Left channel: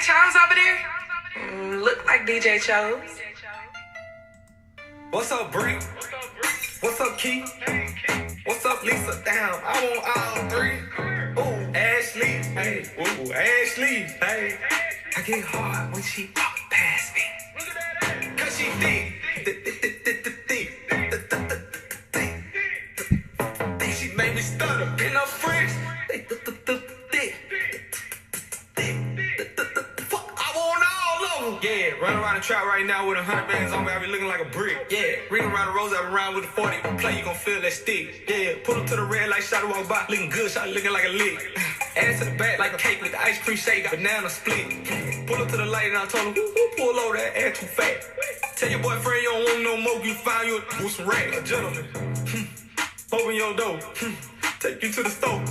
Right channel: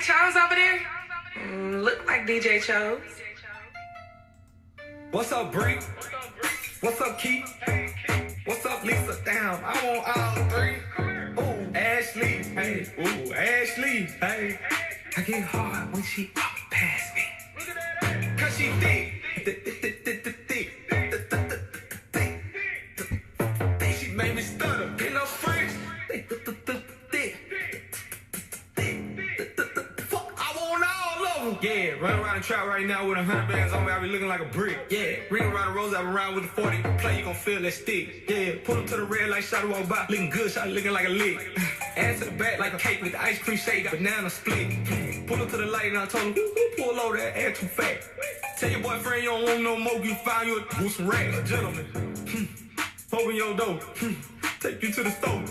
Chose over there? Look like DJ Chose. What's up, Bree? What's up, Keith? What's up, Lisa? Damn, I want all three. Ooh, Ashley. Hey, ooh, Ashley. Hey, I get hard when she walk past me. Cause she thick. She made me stutter in her fridge. Yeah, running around the trap right now with 100 bands on me, I be looking like a brick. Yeah, ring around the rose, I be around with a 40. Play, you gon' feel that stick. Yeah, pull up to the red light, shot walk by, looking good, shot looking like a lick. Ass to the back like a cake with the ice cream shake, banana split. Pull up to the light and I told him, pull over that ass too fat. Tell your boyfriend you don't want no more, you find you with some rag. A gentleman, open your door, take you to the store,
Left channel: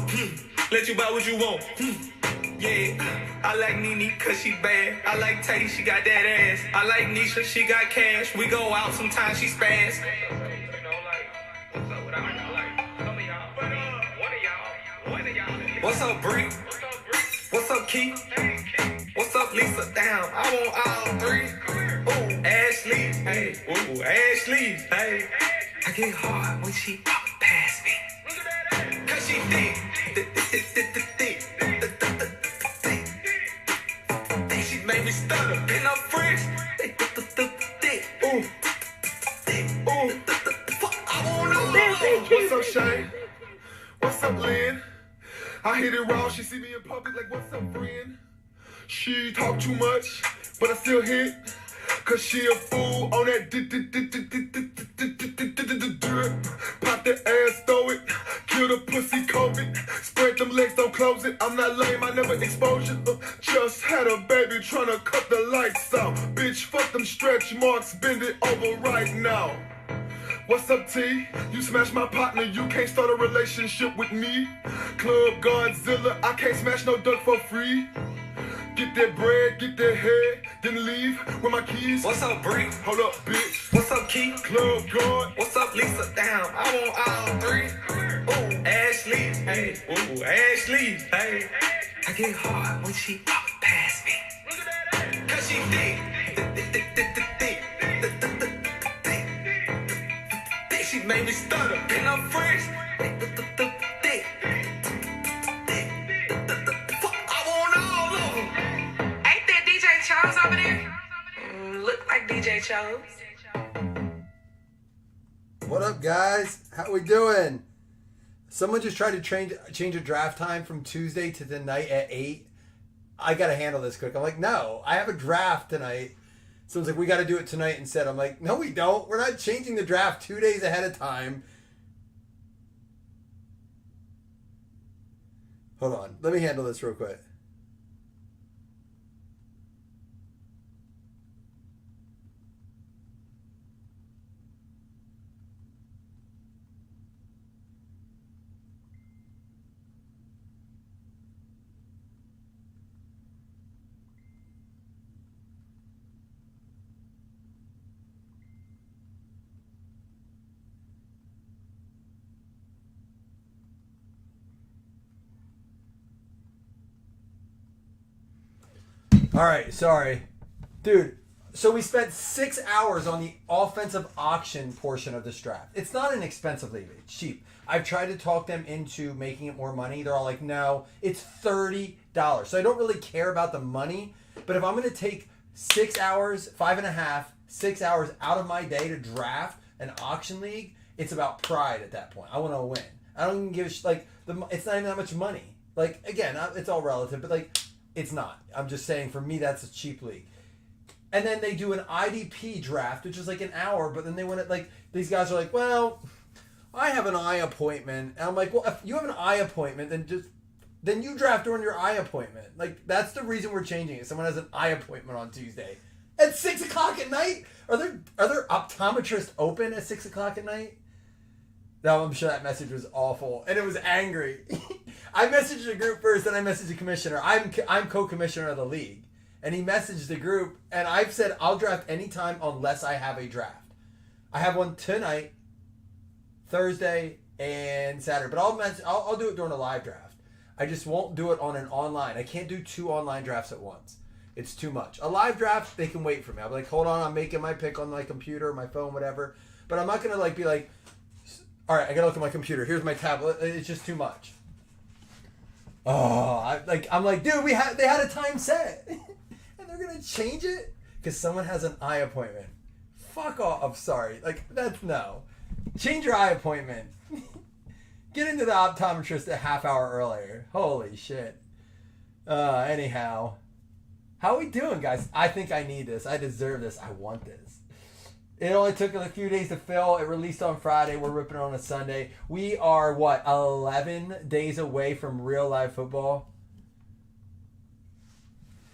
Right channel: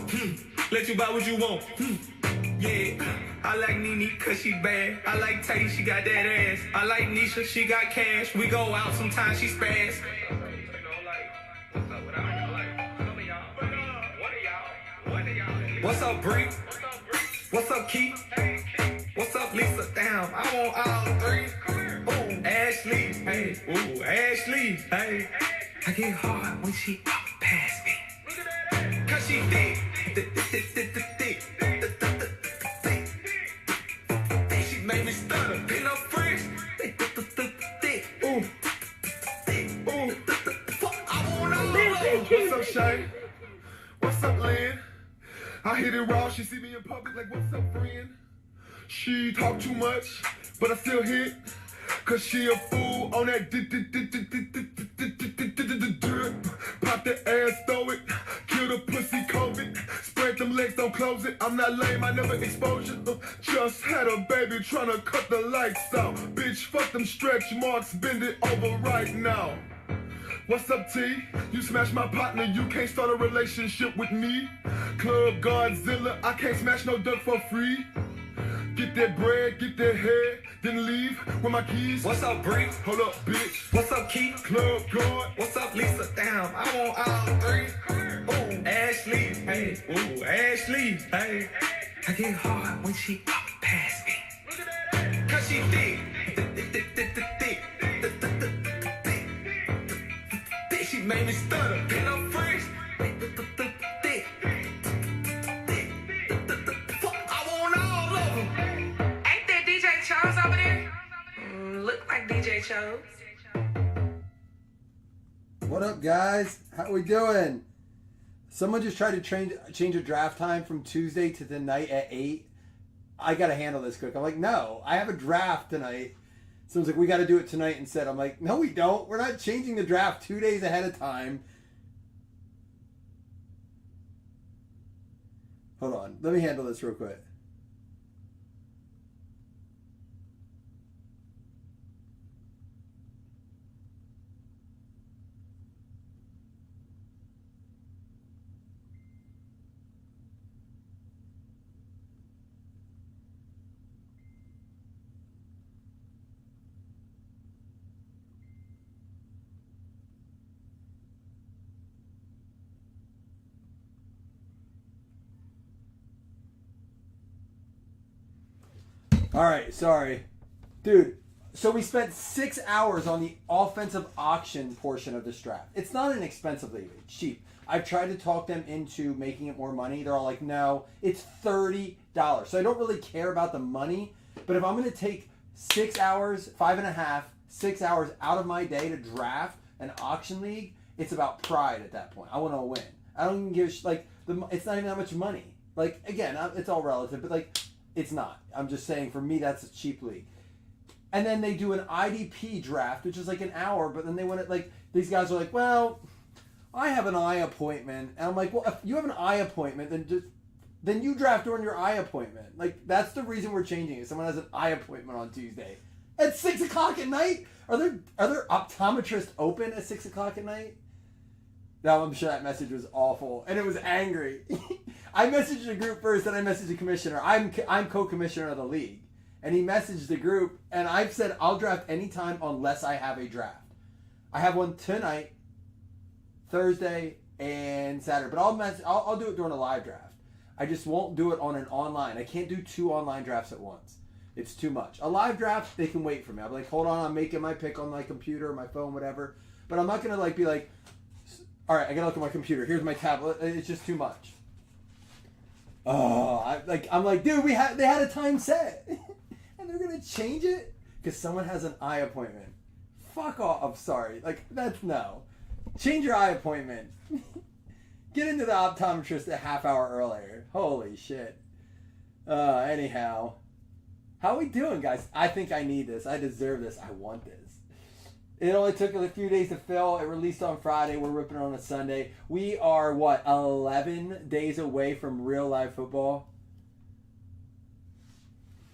let you buy what you want. Yeah, I like Nene cause she bad. I like Tay, she got that ass. I like Nisha, she got cash. We go out sometimes, she spaz. What's up, Bree? What's up, Keith? What's up, Lisa? Damn, I want all three. Ooh, Ashley. Hey, ooh, Ashley. Hey, I get hard when she walk past me. Cause she thick. She made me stutter in her fridge. Ooh, ooh, I want all. What's up, Shay? What's up, Lynn? I hit it raw, she see me in public like, what's up, friend? She talk too much, but I still hit. Cause she a fool on that pop the ass, throw it, kill the pussy, COVID. Spread them legs, don't close it. I'm not lame, I never expose you. Just had a baby tryna cut the lights out. Bitch, fuck them stretch marks, bend it over right now. What's up, T? You smash my partner, you can't start a relationship with me. Club Godzilla, I can't smash no duck for free. Get that bread, get that head, then leave with my keys. What's up, Bree? Hold up, bitch. What's up, Keith? Club God. What's up, Lisa? Damn, I want all three. Ooh, Ashley. Hey, ooh, Ashley. Hey, I get hard when she walk past me. Cause she thick. She made me stutter in her fridge. Over there? Look like DJ Chose. What up, guys? How we doing? Someone just tried to change a draft time from Tuesday to tonight at 8. I got to handle this quick. I'm like, no, I have a draft tonight. Someone's like, we got to do it tonight instead. I'm like, no, we don't. We're not changing the draft 2 days ahead of time. Hold on. Let me handle this real quick. All right, sorry. Dude, so we spent 6 hours on the offensive auction portion of this draft. It's not an expensive league. It's cheap. I've tried to talk them into making it more money. They're all like, no, it's $30. So I don't really care about the money. But if I'm going to take 6 hours, 5.5, 6 hours out of my day to draft an auction league, it's about pride at that point. I want to win. I don't even give, it's not even that much money. Like, again, it's all relative, but like, it's not. I'm just saying, for me, that's a cheap league. And then they do an IDP draft, which is like an hour, but then they want it, like, these guys are like, well, I have an eye appointment. And I'm like, well, if you have an eye appointment, then you draft during your eye appointment. Like, that's the reason we're changing it. Someone has an eye appointment on Tuesday. At 6 o'clock at night? Are there optometrists open at 6 o'clock at night? No, I'm sure that message was awful. And it was angry. I messaged the group first, then I messaged the commissioner. I'm co-commissioner of the league. And he messaged the group, and I've said I'll draft anytime unless I have a draft. I have one tonight, Thursday, and Saturday. But I'll do it during a live draft. I just won't do it on an online. I can't do 2 online drafts at once. It's too much. A live draft, they can wait for me. I'll be like, hold on, I'm making my pick on my computer, my phone, whatever. But I'm not gonna like be like, all right, I gotta look at my computer. Here's my tablet. It's just too much. Oh, I'm like, dude, they had a time set, and they're gonna change it because someone has an eye appointment. Fuck off. I'm sorry. Like that's no. Change your eye appointment. Get into the optometrist a half hour earlier. Holy shit. Anyhow. How are we doing, guys? I think I need this. I deserve this. I want this. It only took a few days to fill. It released on Friday. We're ripping it on a Sunday. We are, 11 days away from real live football?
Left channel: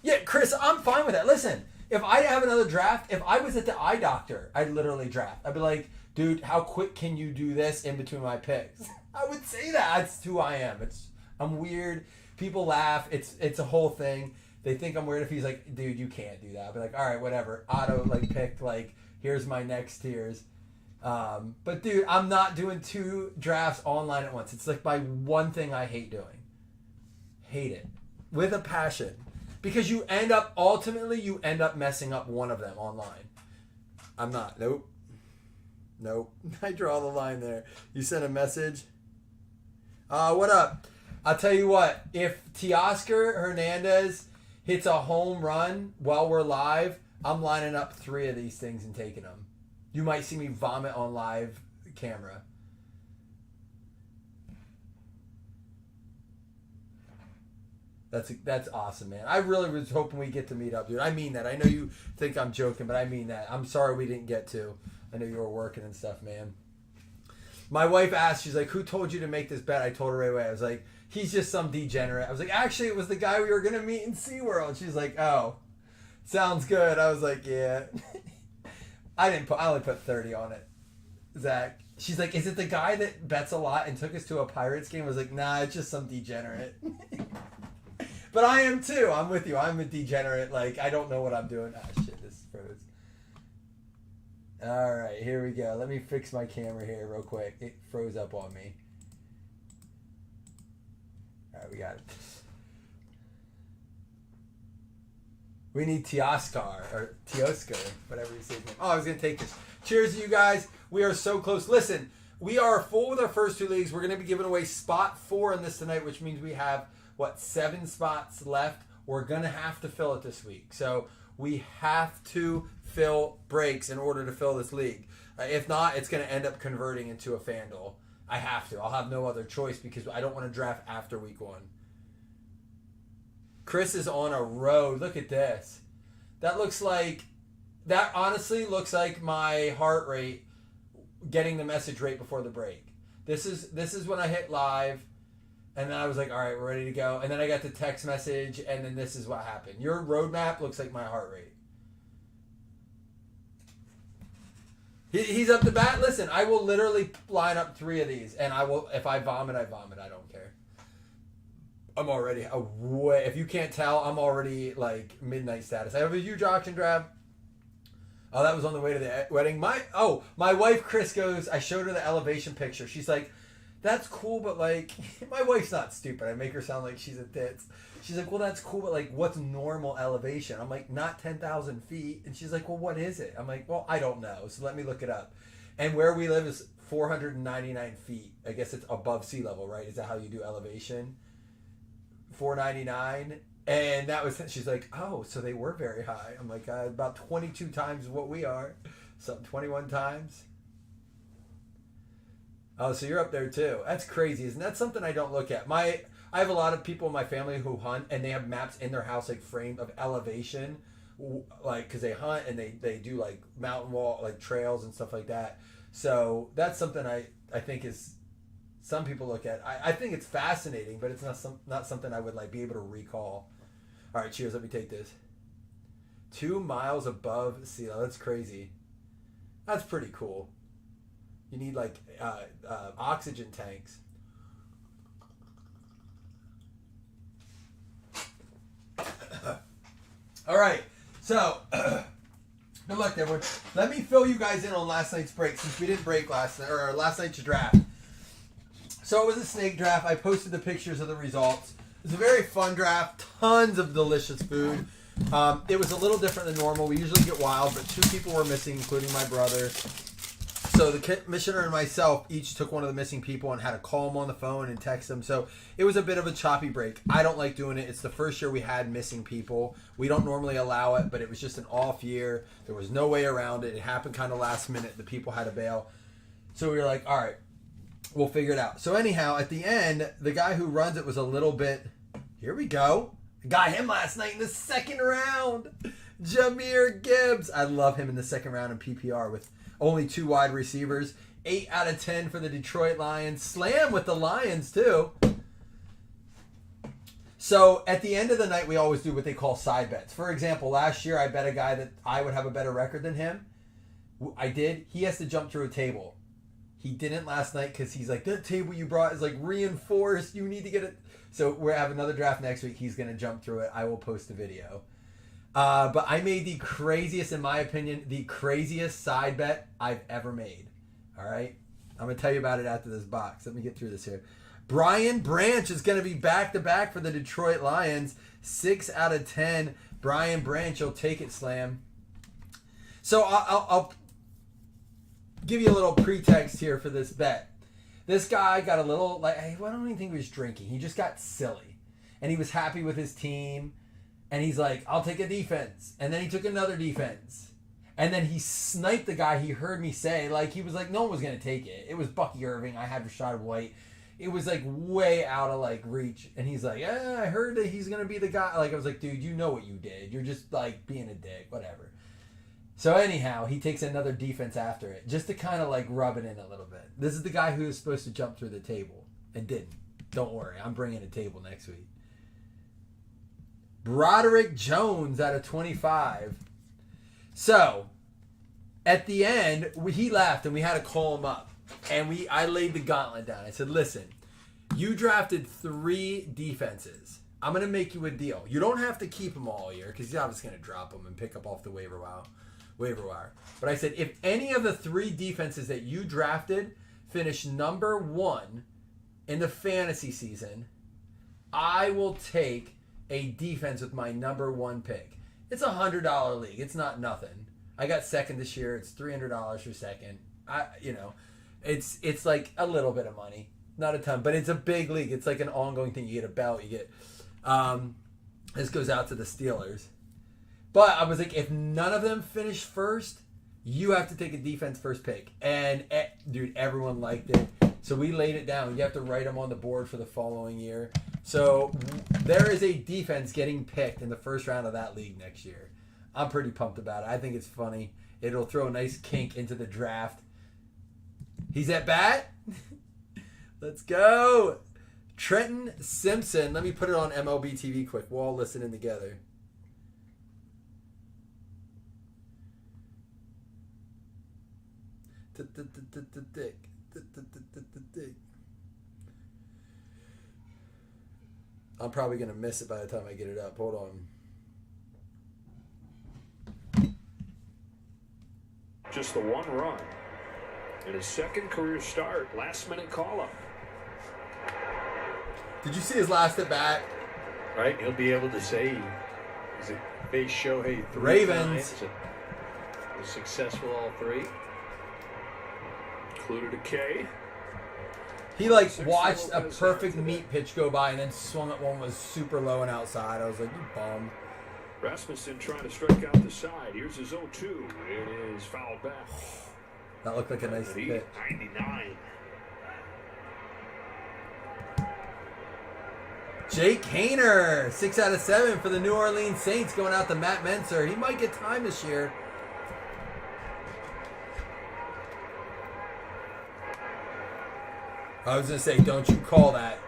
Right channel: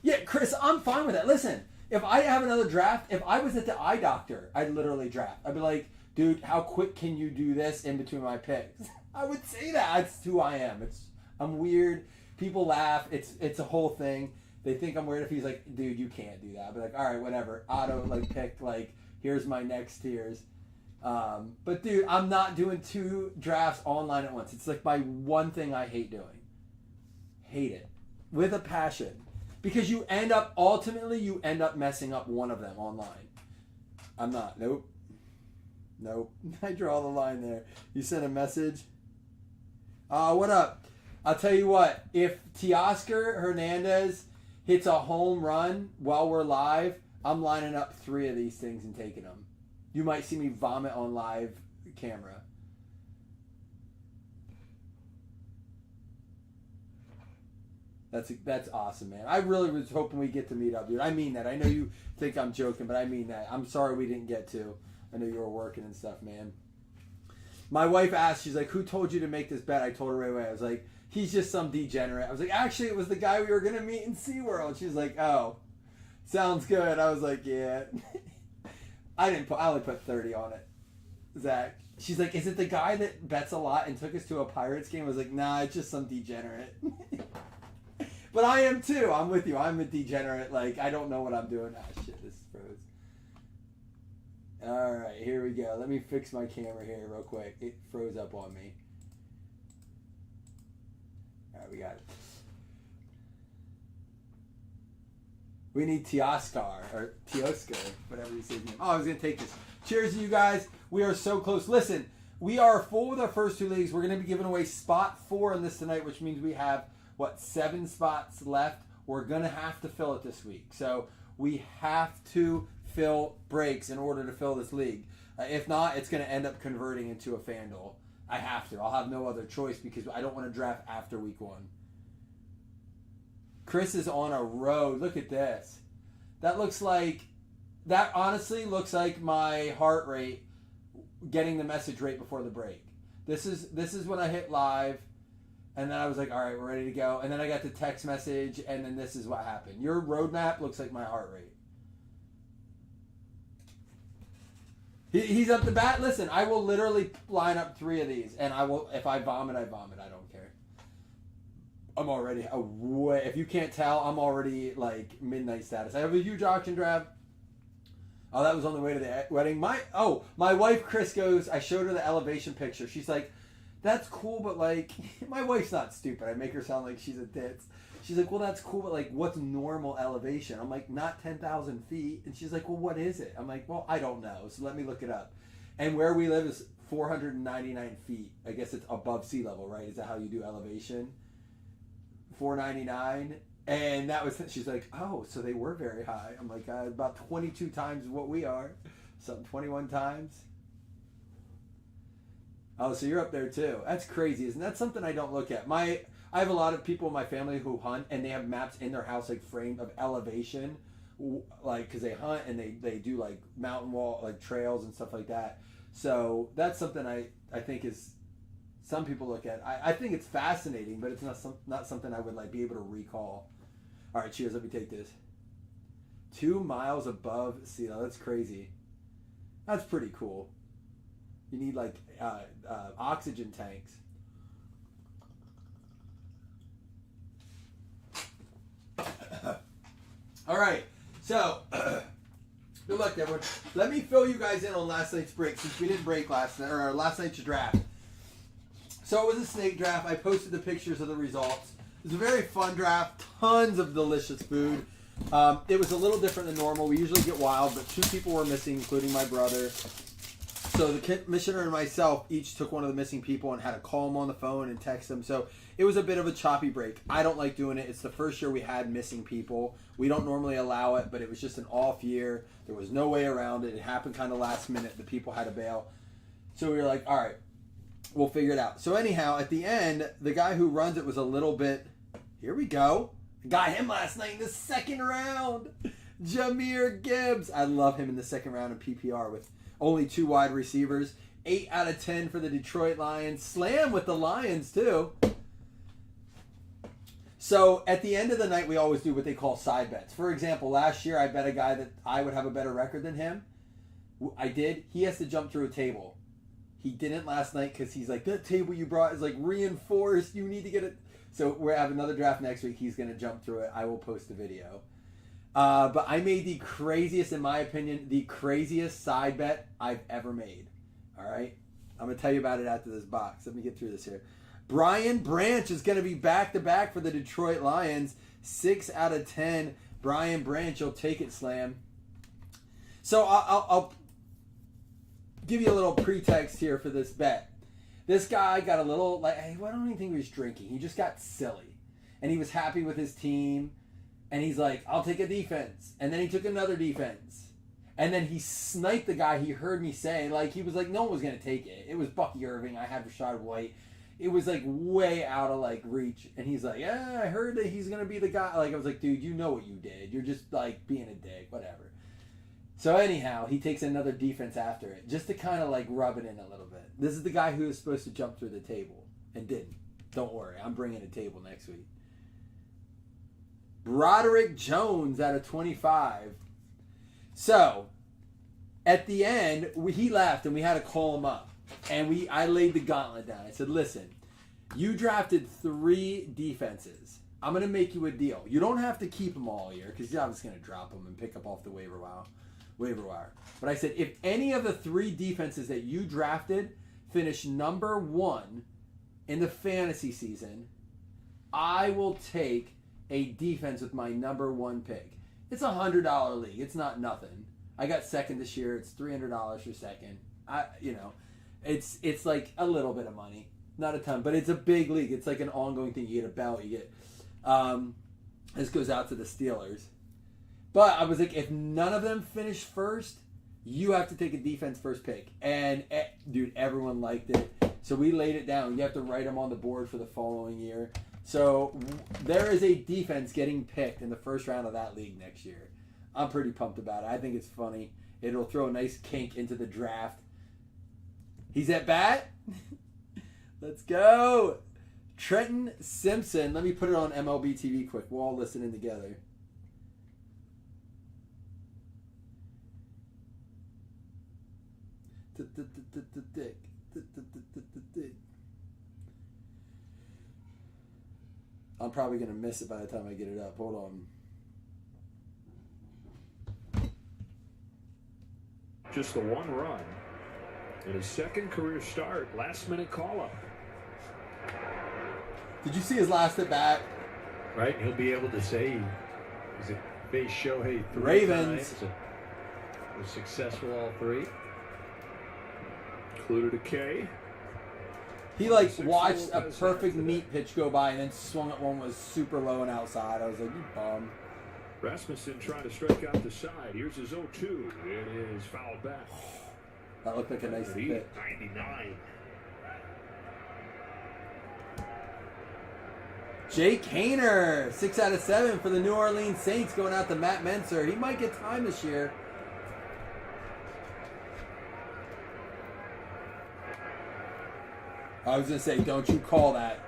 Yeah, Chris, I'm fine with that. Listen, if I have another draft, if I was at the eye doctor, I'd literally draft. I'd be like, dude, how quick can you do this in between my picks? I would say that. That's who I am. I'm weird. People laugh. It's a whole thing. They think I'm weird if he's like, dude, you can't do that. I'd be like, all right, whatever. Auto, picked, here's my next tiers. But, dude, I'm not doing 2 drafts online at once. It's my one thing I hate doing. Hate it. With a passion. Because you end up messing up one of them online. I'm not. Nope. I draw the line there. You sent a message? What up? I'll tell you what. If Teoscar Hernandez hits a home run while we're live, I'm lining up 3 of these things and taking them. You might see me vomit on live camera. That's awesome, man. I really was hoping we get to meet up, dude. I mean that. I know you think I'm joking, but I mean that. I'm sorry we didn't get to. I know you were working and stuff, man. My wife asked, she's like, who told you to make this bet? I told her right away. I was like, he's just some degenerate. I was like, actually, it was the guy we were going to meet in SeaWorld. She's like, oh, sounds good. I was like, yeah. I only put 30 on it. Zach. She's like, is it the guy that bets a lot and took us to a Pirates game? I was like, nah, it's just some degenerate. But I am too. I'm with you. I'm a degenerate. I don't know what I'm doing. Ah, shit, this is froze. All right, here we go. Let me fix my camera here real quick. It froze up on me. All right, we got it. We need Teoscar, whatever you say his name. Oh, I was going to take this. Cheers to you guys. We are so close. Listen, we are full with our first 2 leagues. We're going to be giving away spot 4 in this tonight, which means we have, 7 spots left. We're going to have to fill it this week. So we have to fill breaks in order to fill this league. If not, it's going to end up converting into a FanDuel. I have to. I'll have no other choice because I don't want to draft after week 1. Chris is on a road. Look at this. That honestly looks like my heart rate getting the message right before the break. This is when I hit live, and then I was like, all right, we're ready to go. And then I got the text message, and then this is what happened. Your roadmap looks like my heart rate. He's up to bat. Listen, I will literally line up 3 of these, and I will. If I vomit, I vomit. I don't care. I'm already if you can't tell, I'm already midnight status. I have a huge auction draft. Oh, that was on the way to the wedding. My wife Chris goes. I showed her the elevation picture. She's like, "That's cool, but my wife's not stupid." I make her sound like she's a tits. She's like, "Well, that's cool, but what's normal elevation?" I'm like, "Not 10,000 feet." And she's like, "Well, what is it?" I'm like, "Well, I don't know. So let me look it up." And where we live is 499 feet. I guess it's above sea level, right? Is that how you do elevation? 499. And that was, she's like, oh, so they were very high. I'm like, about 22 times what we are. So 21 times. Oh, so you're up there too. That's crazy. Isn't that something I don't look at? I have a lot of people in my family who hunt, and they have maps in their house, framed of elevation, because they hunt and they do mountain wall, trails and stuff like that. So that's something I think is, some people look at. I think it's fascinating, but it's not something I would be able to recall. All right, cheers. Let me take this. 2 miles above sea level. That's crazy. That's pretty cool. You need oxygen tanks. All right, so good luck, everyone. Let me fill you guys in on last night's break, since we didn't break last night's draft. So it was a snake draft. I posted the pictures of the results. It was a very fun draft. Tons of delicious food. It was a little different than normal. We usually get wild, but 2 people were missing, including my brother. So the commissioner and myself each took one of the missing people and had to call them on the phone and text them. So it was a bit of a choppy break. I don't like doing it. It's the first year we had missing people. We don't normally allow it, but it was just an off year. There was no way around it. It happened kind of last minute. The people had to bail. So we were like, all right, we'll figure it out. So anyhow, at the end, the guy who runs it was a little bit, here we go. Got him last night in the second round. Jahmyr Gibbs. I love him in the second round in PPR with only 2 wide receivers. 8 out of 10 for the Detroit Lions. Slam with the Lions, too. So, at the end of the night, we always do what they call side bets. For example, last year, I bet a guy that I would have a better record than him. I did. He has to jump through a table. He didn't last night because he's like, that table you brought is like reinforced. You need to get it. So, we have another draft next week. He's going to jump through it. I will post a video. But I made the craziest, in my opinion, the craziest side bet I've ever made. All right? I'm going to tell you about it after this box. Let me get through this here. Brian Branch is going to be back-to-back for the Detroit Lions. 6 out of 10. Brian Branch, you'll take it, Slam. So I'll give you a little pretext here for this bet. This guy got a little, like, I don't even think he was drinking. He just got silly. And he was happy with his team. And he's like, I'll take a defense. And then he took another defense. And then he sniped the guy he heard me say. Like, he was like, no one was going to take it. It was Bucky Irving. I had Rashad White. It was, like, way out of, like, reach. And he's like, yeah, I heard that he's going to be the guy. Like, I was like, dude, you know what you did. You're just, like, being a dick. Whatever. So, anyhow, he takes another defense after it. Just to kind of, like, rub it in a little bit. This is the guy who was supposed to jump through the table. And didn't. Don't worry. I'm bringing a table next week. Broderick Jones out of 25. So, at the end, he left and we had to call him up. And I laid the gauntlet down. I said, listen, you drafted 3 defenses. I'm going to make you a deal. You don't have to keep them all year because you're obviously going to drop them and pick up off the waiver wire. But I said, if any of the 3 defenses that you drafted finish number 1 in the fantasy season, I will take a defense with my number 1 pick. It's a $100 league. It's not nothing. I got second this year. It's $300 for second. It's like a little bit of money, not a ton, but it's a big league. It's like an ongoing thing. You get a belt. You get. This goes out to the Steelers, but I was like, if none of them finish first, you have to take a defense first pick. And dude, everyone liked it. So we laid it down. You have to write them on the board for the following year. So there is a defense getting picked in the first round of that league next year. I'm pretty pumped about it. I think it's funny. It'll throw a nice kink into the draft. He's at bat. Let's go. Trenton Simpson. Let me put it on MLB TV quick. We're all listening together. I'm probably going to miss it by the time I get it up. Hold on. Just the 1 run in his second career start. Last minute call up. Did you see his last at bat? Right, he'll be able to say he's a base Shohei 3 Ravens. times and was successful all 3. Included a K. He watched a perfect meat pitch go by and then swung at one was super low and outside. I was like, you bummed. Rasmussen trying to strike out the side. Here's his 0-2. It is fouled back. That looked like a nice pitch. 99. Jake Haener, 6 out of 7 for the New Orleans Saints, going out to Matt Menser. He might get time this year. I was going to say, don't you call that.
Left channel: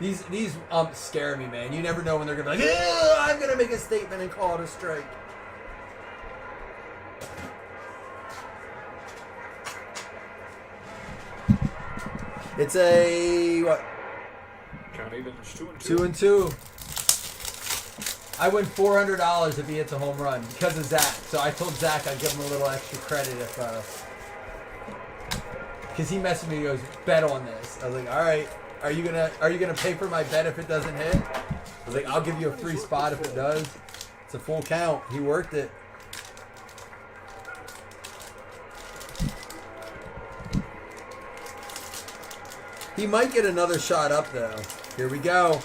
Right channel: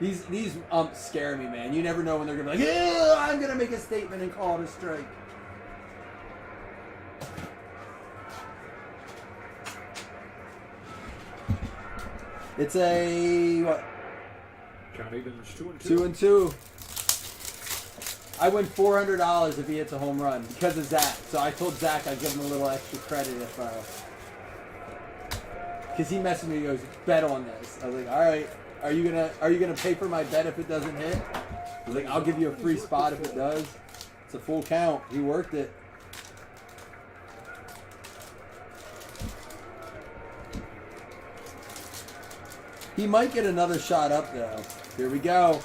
These umps scare me, man. You never know when they're going to be like, I'm going to make a statement and call it a strike. It's a, what? Count even, it's 2-2. 2-2. I win $400 if he hits a home run because of Zach. So I told Zach I'd give him a little extra credit if, because he messaged me and goes, bet on this. I was like, all right, are you gonna pay for my bet if it doesn't hit? I was like, I'll give you a free spot if it does. It's a full count. He worked it. He might get another shot up, though. Here we go.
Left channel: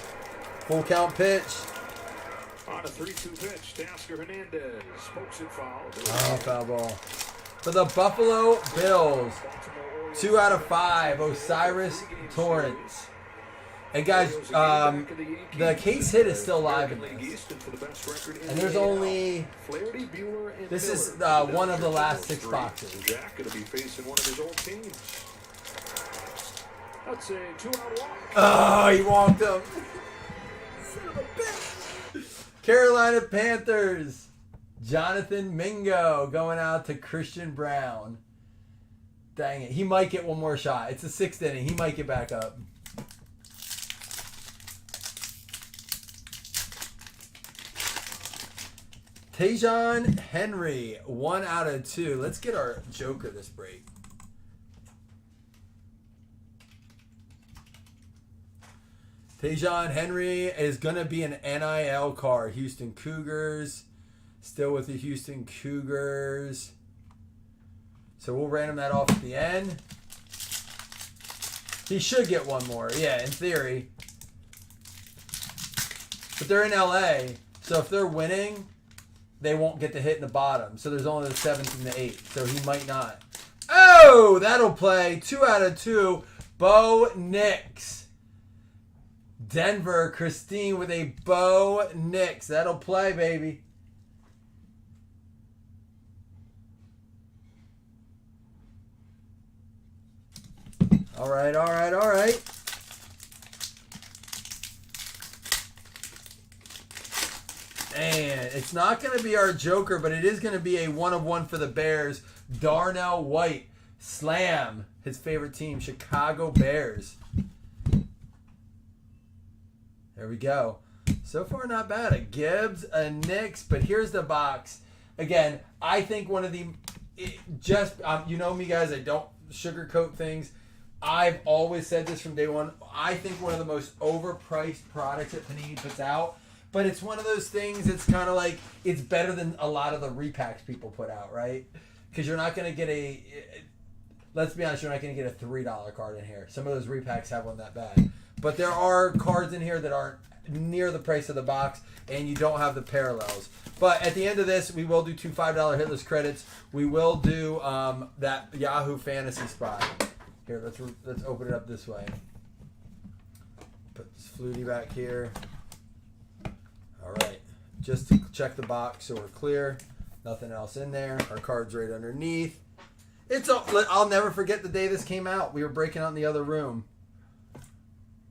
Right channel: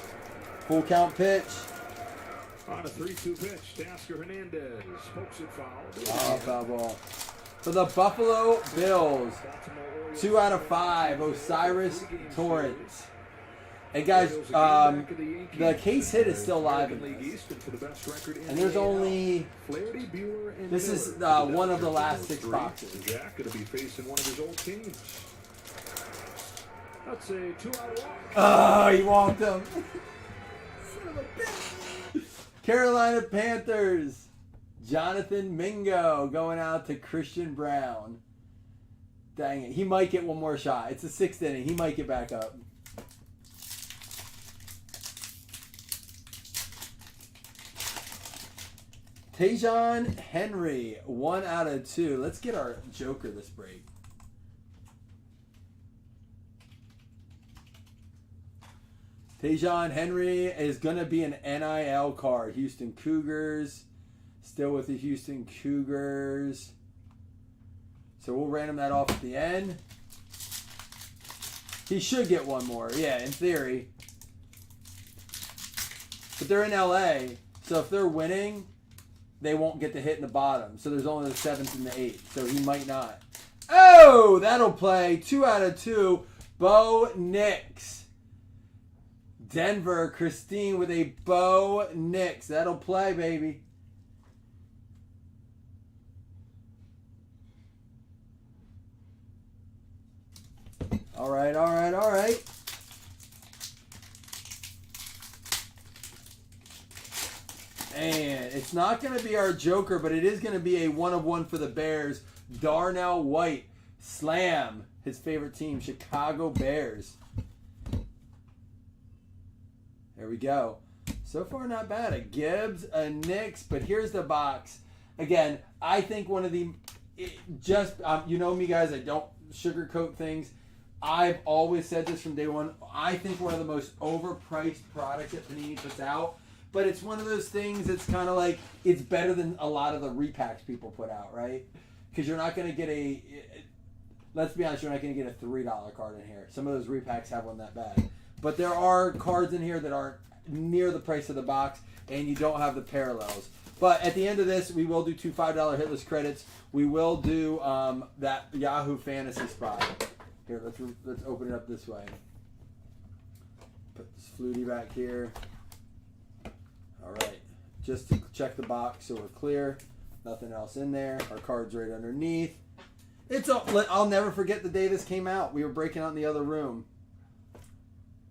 Full count pitch. On a 3-2 pitch, Teoscar Hernandez pokes it foul. Oh, foul ball. For the Buffalo Bills, 2 out of 5, Osiris Torrance. Hey, guys, the case hit is still live in this. And there's only... This is one of the last 6 boxes. Jack going to be facing one of his old teams. That's a 2-out walk. Oh, he walked him. Son of a bitch. Carolina Panthers. Jonathan Mingo going out to Christian Brown. Dang it. He might get one more shot. It's the 6th inning. He might get back up. Tajon Henry. 1 out of 2. Let's get our Joker this break. Tajon Henry is going to be an NIL card. Houston Cougars. Still with the Houston Cougars. So we'll random that off at the end. He should get one more. Yeah, in theory. But they're in LA. So if they're winning, they won't get the hit in the bottom. So there's only the 7th and the 8th. So he might not. Oh, that'll play. 2 out of 2. Bo Nix. Denver, Christine with a Bo Nix. That'll play, baby. All right. And it's not going to be our Joker, but it is going to be a 1-of-1 for the Bears. Darnell White. Slam. His favorite team, Chicago Bears. There we go. So far, not bad. A Gibbs, a Knicks, but here's the box. Again, I think one of the... you know me, guys. I don't sugarcoat things. I've always said this from day one. I think one of the most overpriced products that Panini puts out. But it's one of those things that's kind of like... It's better than a lot of the repacks people put out, right? Because you're not going to get a... Let's be honest, you're not going to get a $3 card in here. Some of those repacks have one that bad. But there are cards in here that aren't near the price of the box, and you don't have the parallels. But at the end of this, we will do 2 $5 hitless credits. We will do that Yahoo Fantasy spot. Here, let's open it up this way. Put this Flutie back here. All right. Just to check the box so we're clear. Nothing else in there. Our card's right underneath. I'll never forget the day this came out. We were breaking out in the other room.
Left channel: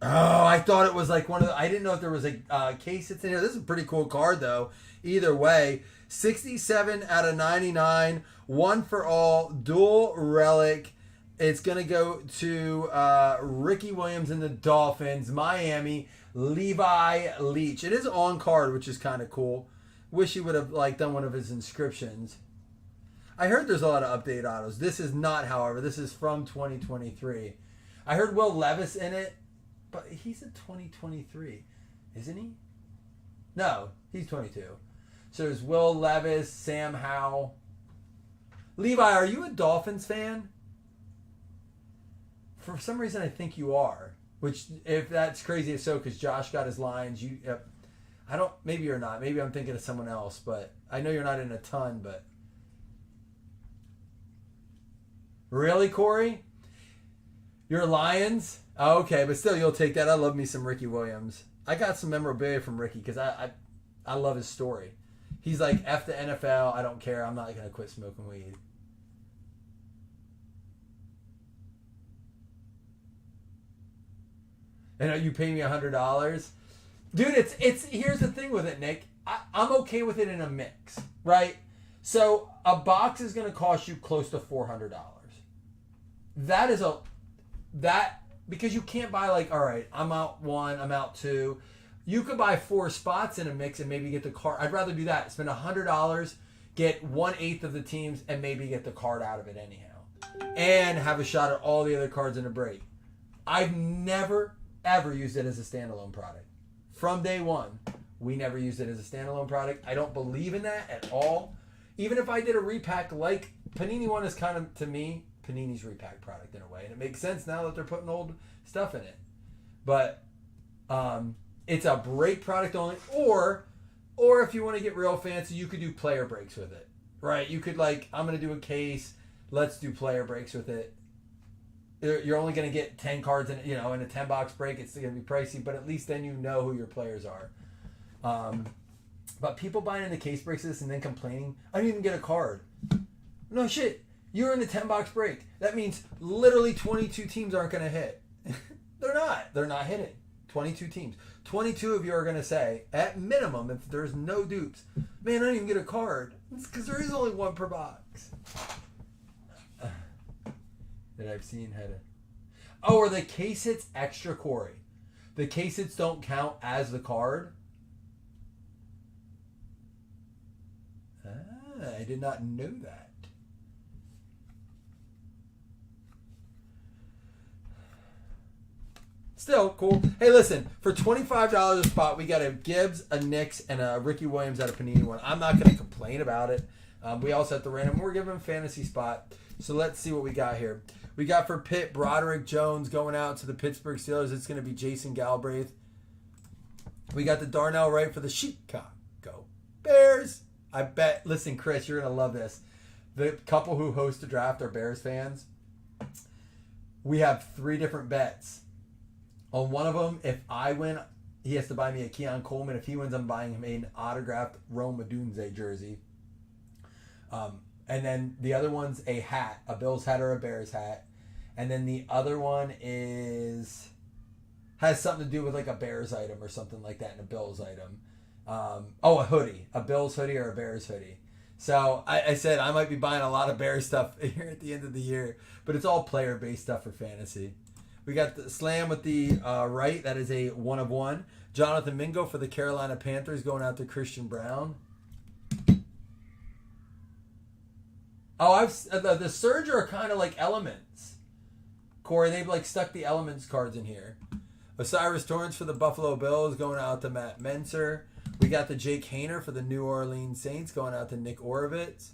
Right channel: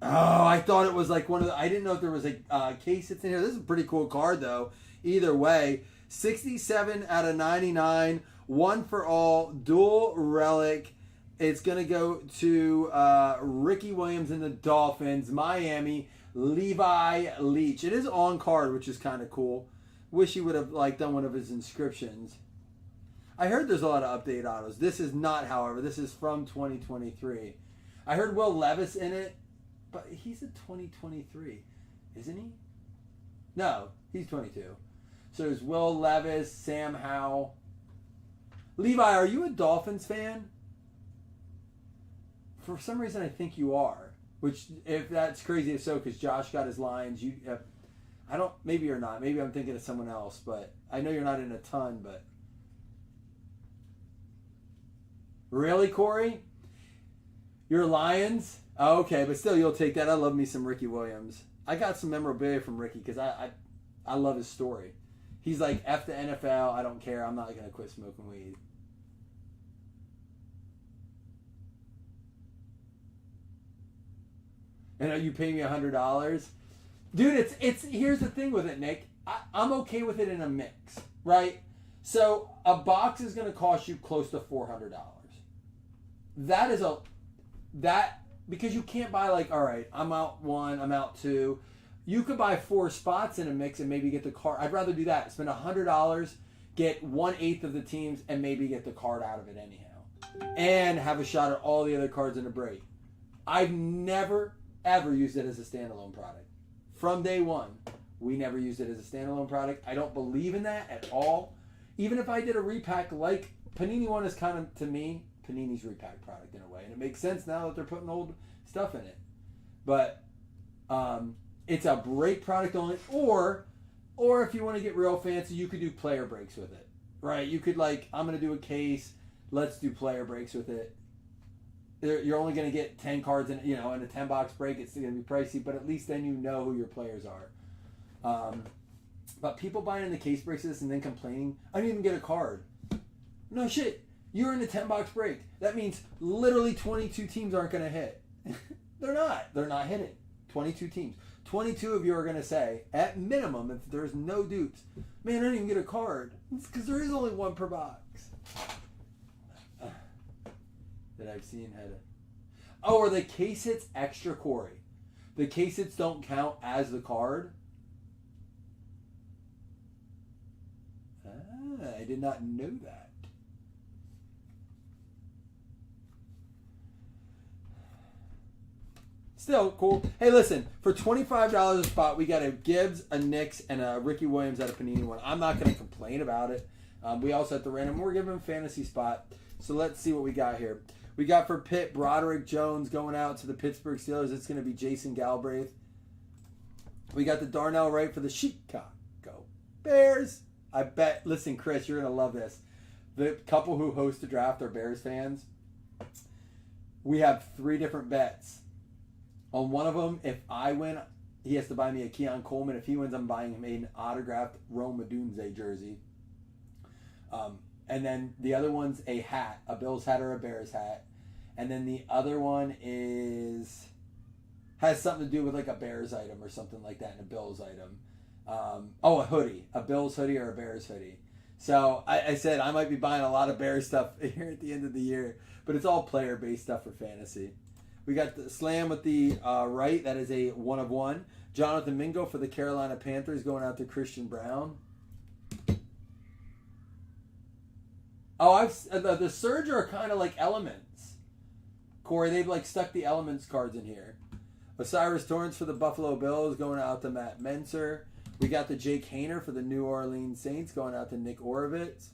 Oh, I thought it was like one of the... I didn't know if there was a case that's in here. This is a pretty cool card, though. Either way. 67 out of 99. 1 for all. Dual relic. It's going to go to Ricky Williams and the Dolphins. Miami. Levi Leach. It is on card, which is kind of cool. Wish he would have done one of his inscriptions. I heard there's a lot of updated autos. This is not, however. This is from 2023. I heard Will Levis in it. But he's a 2023, isn't he? No, he's 22. So there's Will Levis, Sam Howell. Levi, are you a Dolphins fan? For some reason, I think you are. Which, if that's crazy, if so, because Josh got his lines. I don't. Maybe you're not. Maybe I'm thinking of someone else. But I know you're not in a ton. But really, Corey? You're Lions? Oh, okay, but still, you'll take that. I love me some Ricky Williams. I got some memorabilia from Ricky because I love his story. He's like, F the NFL, I don't care. I'm not going to quit smoking weed. And you pay me $100? Dude, it's here's the thing with it, Nick. I'm okay with it in a mix, right? So a box is going to cost you close to $400. Because you can't buy all right, I'm out 1, I'm out 2. You could buy 4 spots in a mix and maybe get the card. I'd rather do that. Spend $100, get 1/8 of the teams, and maybe get the card out of it anyhow. And have a shot at all the other cards in a break. I've never, ever used it as a standalone product. From day one. We never used it as a standalone product. I don't believe in that at all. Even if I did a repack like Panini one is kind of, to me, Panini's repack product in a way. And it makes sense now that they're putting old stuff in it. But it's a break product only. Or if you want to get real fancy, you could do player breaks with it. Right? You could like, I'm going to do a case. Let's do player breaks with it. You're only going to get 10 cards in a 10 box break. It's going to be pricey, but at least then you know who your players are. But people buying in the case breaks of this and then complaining, I didn't even get a card. No shit. You're in the 10 box break. That means literally 22 teams aren't going to hit. They're not. They're not hitting. 22 teams. 22 of you are going to say, at minimum, if there's no dupes, man, I didn't even get a card. It's because there is only one per box. That I've seen had it. Oh, or the case hits extra, Corey. The case hits don't count as the card. I did not know that. Still cool. Hey, listen, for $25 a spot, we got a Gibbs, a Knicks, and a Ricky Williams at a Panini one. I'm not going to complain about it. We also have the random. We're giving him a fantasy spot. So let's see what we got here. We got for Pitt, Broderick Jones going out to the Pittsburgh Steelers. It's going to be Jason Galbraith. We got the Darnell Wright for the Chicago Bears. I bet, listen, Chris, you're going to love this. The couple who host the draft are Bears fans. We have 3 different bets. On one of them, if I win, he has to buy me a Keon Coleman. If he wins, I'm buying him an autographed Rome Odunze jersey. And then the other one's a hat, a Bills hat or a Bears hat. And then the other one has something to do with like a Bears item or something like that and a Bills item. A hoodie, a Bills hoodie or a Bears hoodie. So I said I might be buying a lot of Bears stuff here at the end of the year, but it's all player-based stuff for fantasy. We got the Slam with the right. That is a 1 of 1. Jonathan Mingo for the Carolina Panthers going out to Christian Brown. Oh, the Surge are kind of like Elements. Corey, they've like stuck the Elements cards in here. Osiris Torrance for the Buffalo Bills going out to Matt Menser. We got the Jake Hayner for the New Orleans Saints going out to Nick Orovitz.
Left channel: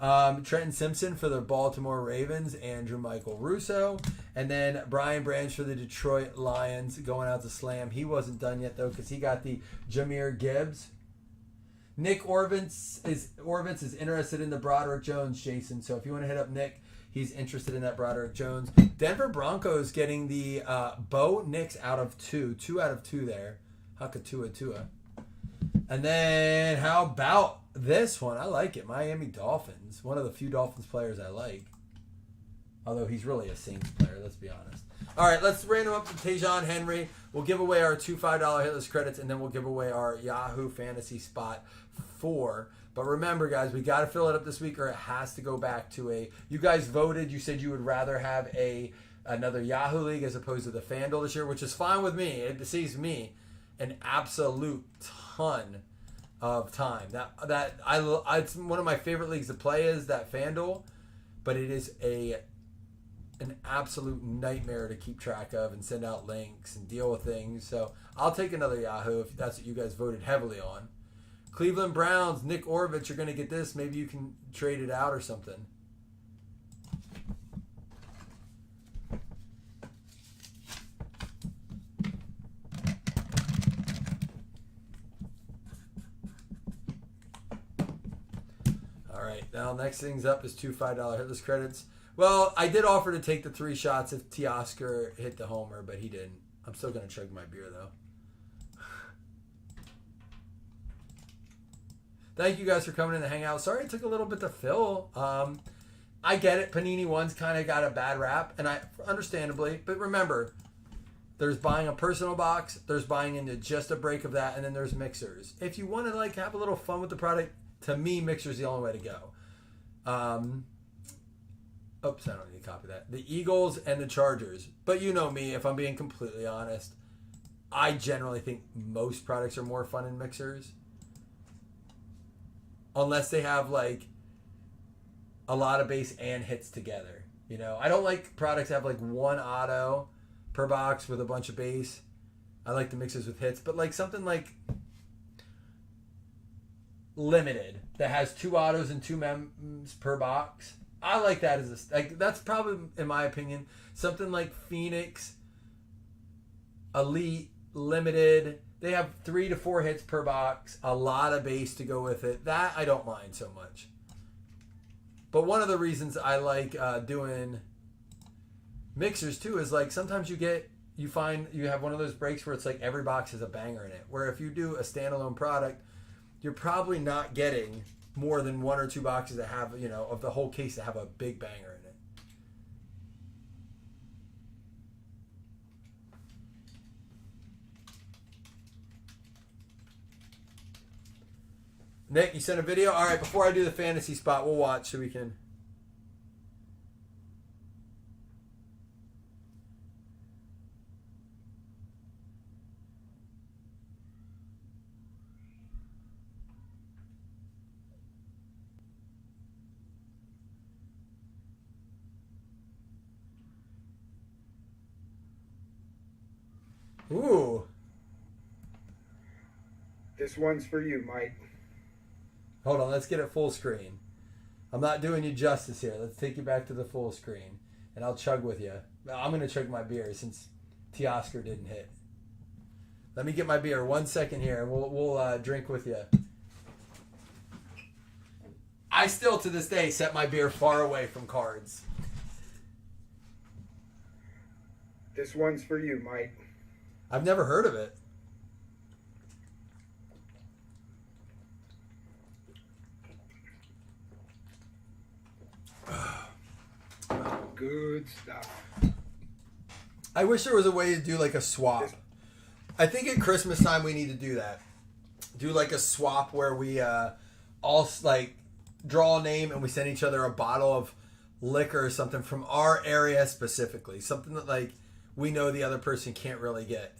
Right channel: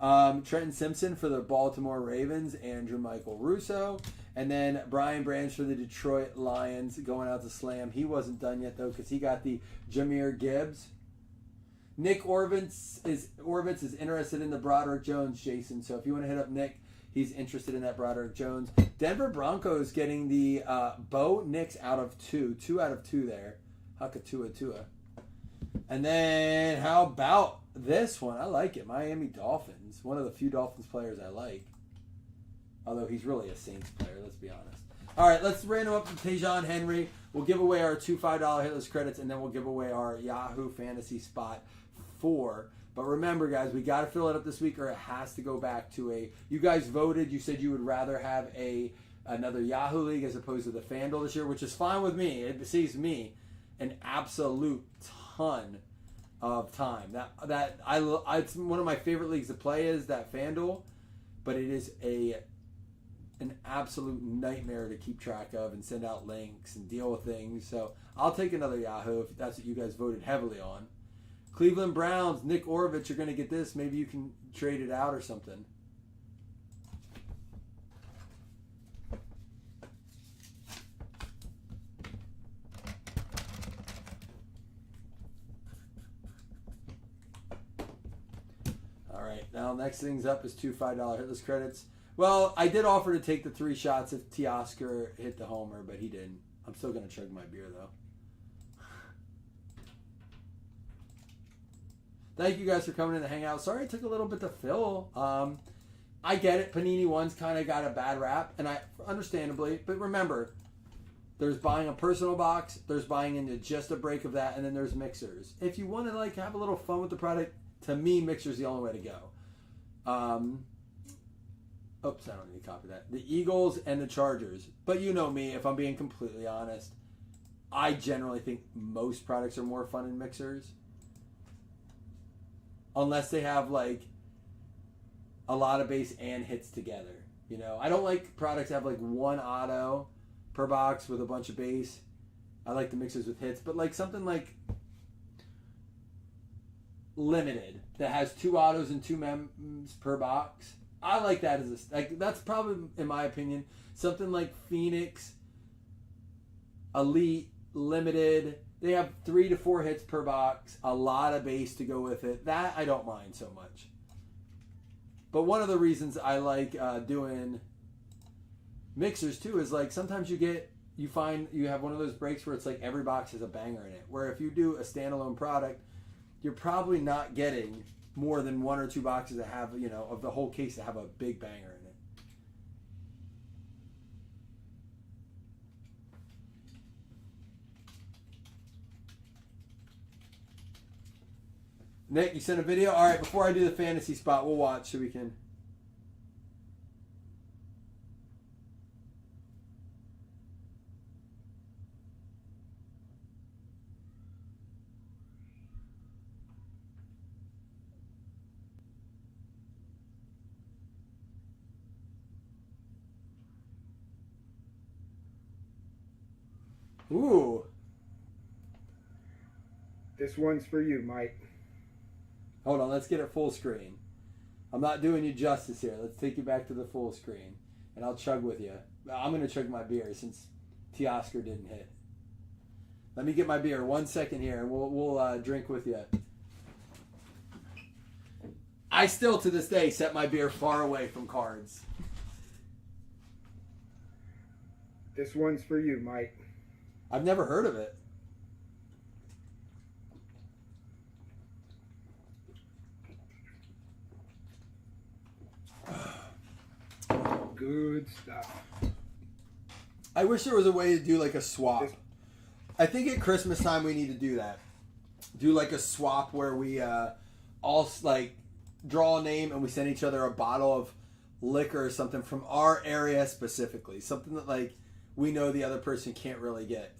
Trenton Simpson for the Baltimore Ravens, Andrew Michael Russo. And then Brian Branch for the Detroit Lions going out to Slam. He wasn't done yet, though, because he got the Jahmyr Gibbs. Nick Orovitz is interested in the Broderick Jones, Jason. So if you want to hit up Nick, he's interested in that Broderick Jones. Denver Broncos getting the Bo Nix out of 2. 2 out of 2 there. Hakatua. And then how about this one? I like it. Miami Dolphins. One of the few Dolphins players I like. Although he's really a Saints player, let's be honest. All right, let's random up to Tajon Henry. We'll give away our 2 $5 hitless credits, and then we'll give away our Yahoo Fantasy spot 4. But remember, guys, we got to fill it up this week, or it has to go back to a... You guys voted. You said you would rather have another Yahoo League as opposed to the FanDuel this year, which is fine with me. It saves me an absolute ton of time. It's one of my favorite leagues to play is that FanDuel, but it is an absolute nightmare to keep track of and send out links and deal with things. So I'll take another Yahoo if that's what you guys voted heavily on. Cleveland Browns, Nick Orovitz, you're going to get this. Maybe you can trade it out or something. All right, now next thing's up is 2 $5 hitless credits. Well, I did offer to take the 3 shots if Teoscar hit the homer, but he didn't. I'm still going to chug my beer, though. Thank you guys for coming in to hang out. Sorry it took a little bit to fill. I get it. Panini One's kind of got a bad rap, and understandably. But remember, there's buying a personal box, there's buying into just a break of that, and then there's mixers. If you want to have a little fun with the product, to me, mixer's the only way to go. Oops, I don't need to copy that. The Eagles and the Chargers. But you know me, if I'm being completely honest, I generally think most products are more fun in mixers. Unless they have a lot of base and hits together. I don't like products that have 1 auto per box with a bunch of base. I like the mixers with hits, but like something like limited that has 2 autos and 2 mems per box. I like that as a like. That's probably, in my opinion, something like Phoenix, Elite, Limited. They have 3 to 4 hits per box, a lot of base to go with it. That I don't mind so much. But one of the reasons I like doing mixers too is like sometimes you find you have one of those breaks where it's like every box has a banger in it. Where if you do a standalone product, you're probably not getting more than 1 or 2 boxes that have, you know, of the whole case that have a big banger in it. Nick, you sent a video? All right, before I do the fantasy spot, we'll watch so we can... Ooh. This one's for you, Mike. Hold on, let's get it full screen. I'm not doing you justice here. Let's take you back to the full screen. And I'll chug with you. I'm going to chug my beer since Teoscar didn't hit. Let me get my beer 1 second here and we'll drink with you. I still, to this day, set my beer far away from cards. This one's for you, Mike. I've never heard of it. Good stuff. I wish there was a way to do like a swap. I think at Christmas time we need to do that. Do like a swap where we all like draw a name and we send each other a bottle of liquor or something from our area specifically. Something that like we know the other person can't really get.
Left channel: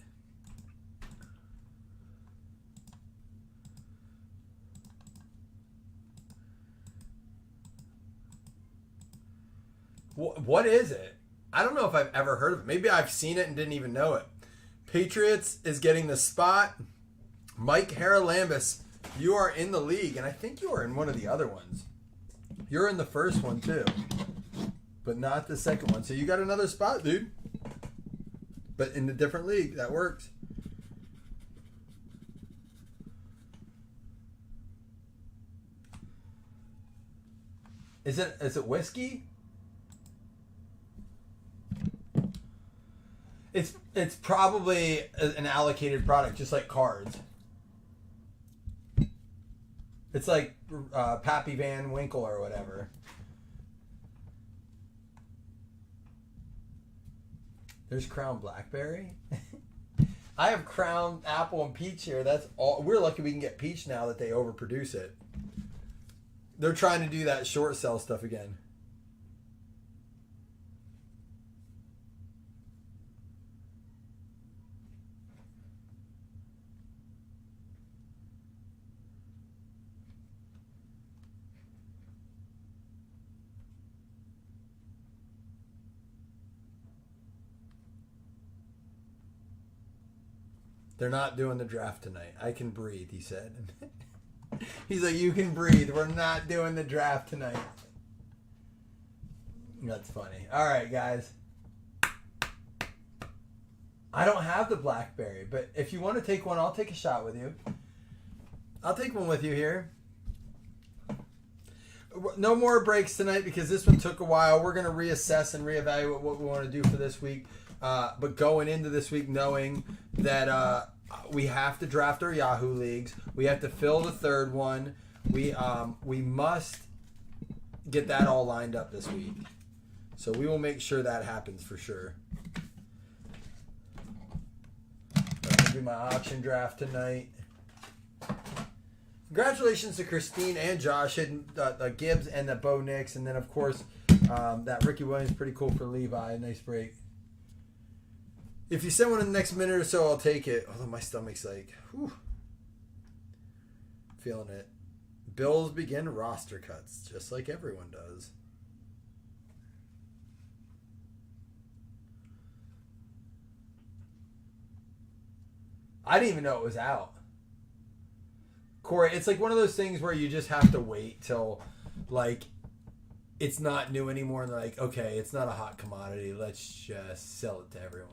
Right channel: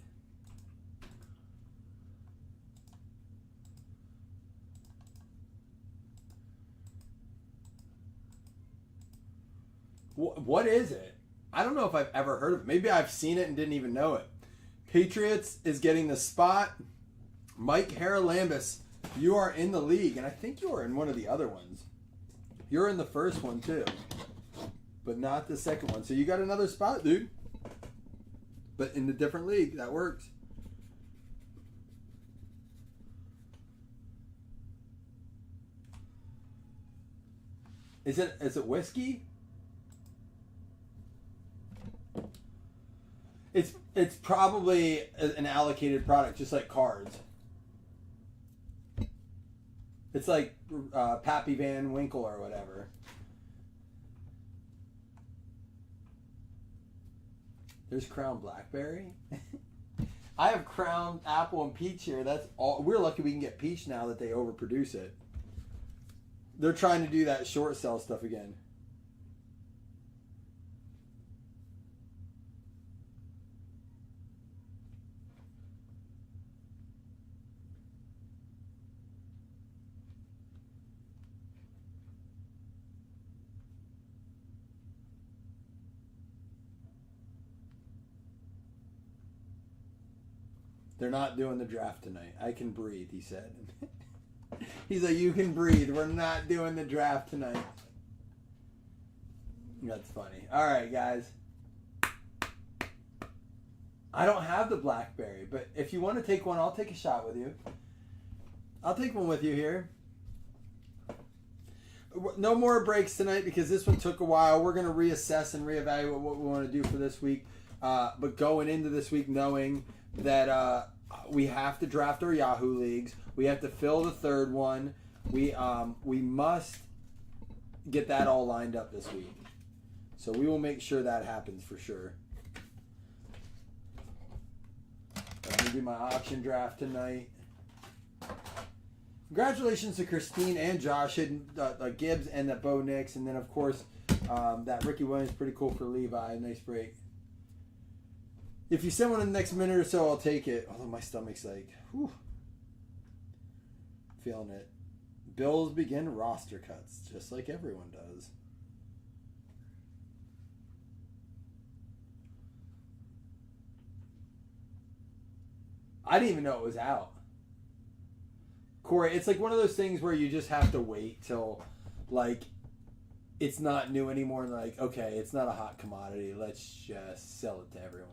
What is it? I don't know if I've ever heard of it. Maybe I've seen it and didn't even know it. Patriots is getting the spot. Mike Haralambous, you are in the league, and I think you are in one of the other ones. You're in the first one too, but not the second one. So you got another spot, dude. But in a different league, that works. Is it whiskey? It's probably an allocated product, just like cards. It's like Pappy Van Winkle or whatever. There's Crown Blackberry. I have Crown Apple and Peach here. That's all. We're lucky we can get Peach now that they overproduce it. They're trying to do that short sell stuff again. They're not doing the draft tonight. I can breathe, he said. He's like, you can breathe. We're not doing the draft tonight. That's funny. All right, guys. I don't have the Blackberry, but if you want to take one, I'll take a shot with you. I'll take one with you here. No more breaks tonight because this one took a while. We're going to reassess and reevaluate what we want to do for this week. But going into this week knowing that we have to draft our Yahoo leagues. We have to fill the third one. We must get that all lined up this week. So we will make sure that happens for sure. I'm going to do my auction draft tonight. Congratulations to Christine and Josh hitting the Gibbs and the Bo Nix. And then, of course, that Ricky Williams, pretty cool for Levi. Nice break. If you send one in the next minute or so, I'll take it. Although my stomach's like, whew. Feeling it. Bills begin roster cuts, just like everyone does. I didn't even know it was out. Corey, it's like one of those things where you just have to wait till, like, it's not new anymore and like, okay, it's not a hot commodity. Let's just sell it to everyone.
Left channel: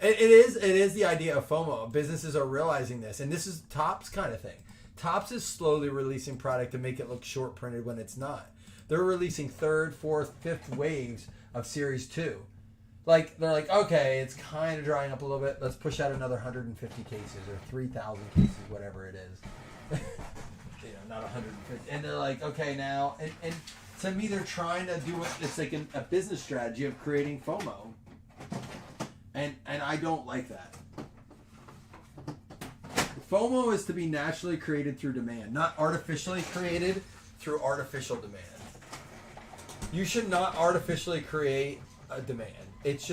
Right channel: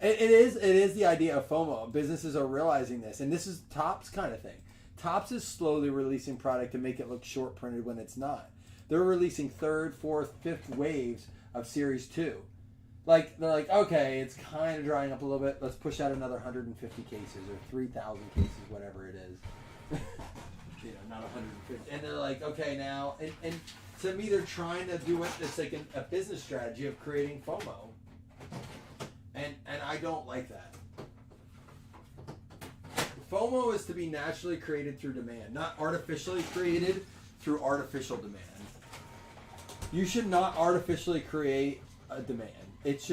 It is the idea of FOMO. Businesses are realizing this, and this is Topps kind of thing. Topps is slowly releasing product to make it look short printed when it's not. They're releasing third, fourth, fifth waves of Series 2. Like, they're like, okay, it's kind of drying up a little bit. Let's push out another 150 cases or 3,000 cases, whatever it is. You know, not 150. And they're like, okay, now, and to me, they're trying to do it. It's like a business strategy of creating FOMO. And I don't like that. FOMO is to be naturally created through demand, not artificially created through artificial demand. You should not artificially create a demand. It's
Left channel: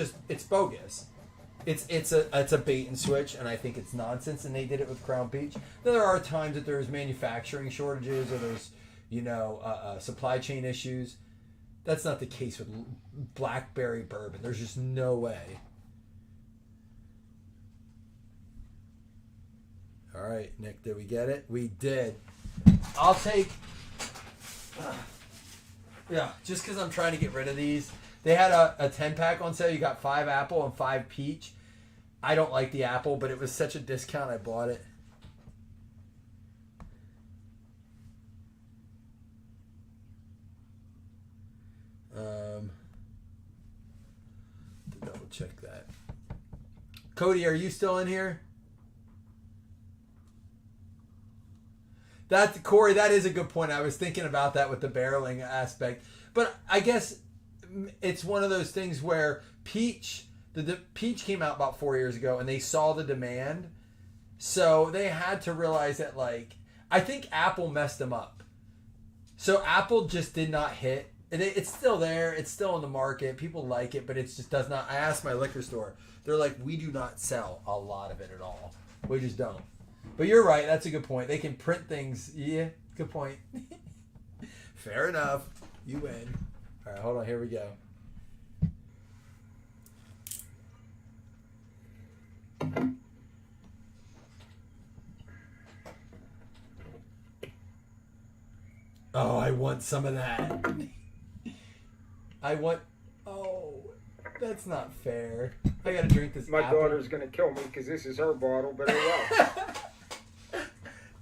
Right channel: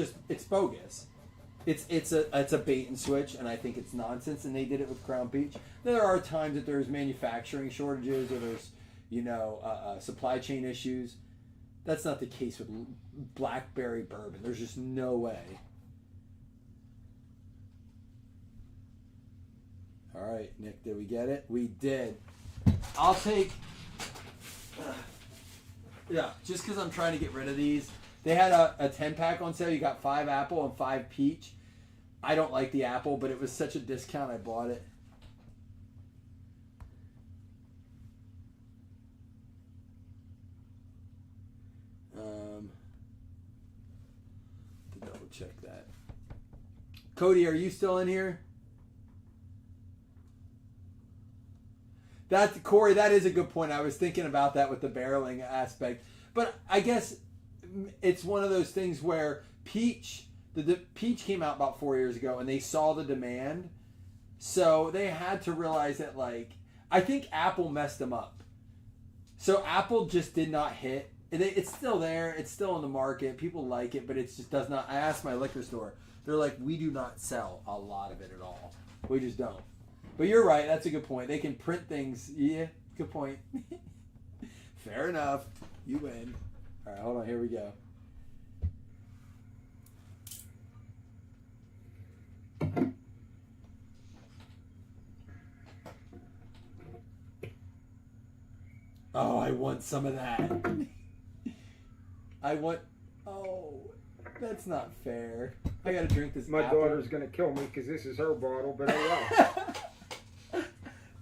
bogus. It's a bait and switch, and I think it's nonsense. And they did it with Crown Peach. There are times that there's manufacturing shortages or there's supply chain issues. That's not the case with blackberry bourbon. There's just no way. All right, Nick, did we get it? We did. I'll take... Yeah, just because I'm trying to get rid of these. They had a 10-pack on sale. You got 5 apple and 5 peach. I don't like the apple, but it was such a discount, I bought it. To double check that. Cody, are you still in here? Corey, that is a good point. I was thinking about that with the barreling aspect. But I guess it's one of those things where Peach, the Peach came out about 4 years ago, and they saw the demand. So they had to realize that, like, I think Apple messed them up. So Apple just did not hit. And it's still there. It's still in the market. People like it, but it just does not. I asked my liquor store. They're like, we do not sell a lot of it at all. We just don't. But you're right. That's a good point. They can print things. Yeah, good point. Fair enough. You win. All right, hold on. Here we go. Oh, I want some of that. Oh, that's not fair. I gotta drink this My apple. daughter's gonna kill me because this is her bottle, but oh well.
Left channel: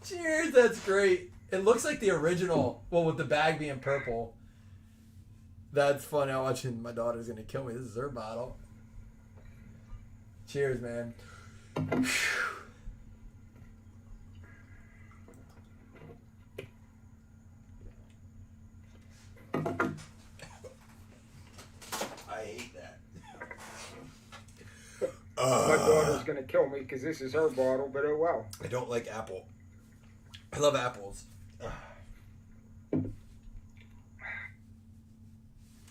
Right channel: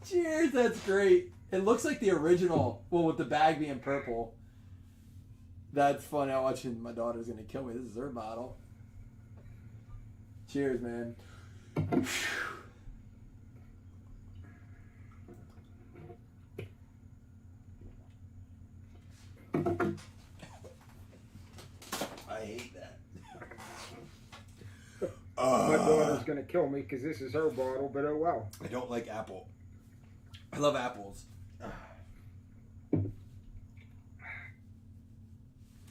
Cheers, that's great. It looks like the original, well, with the bag being purple. That's fun. Now watching my daughter's gonna kill me. This is her bottle. Cheers, man. I hate that. My daughter's gonna kill me because this is her bottle, but oh well. I don't like apple. I love apples.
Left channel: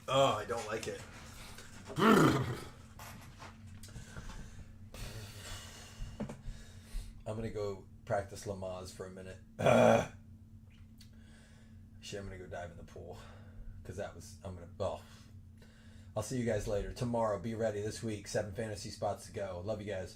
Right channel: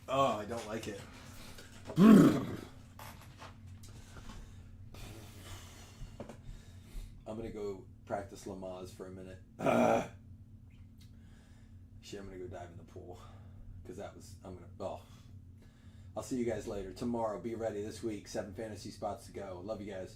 Oh, I don't like it. I'm gonna go practice Lamaze for a minute. Actually, I'm gonna go dive in the pool because I'll see you guys later tomorrow. Be ready this week. 7 fantasy spots to go. Love you guys.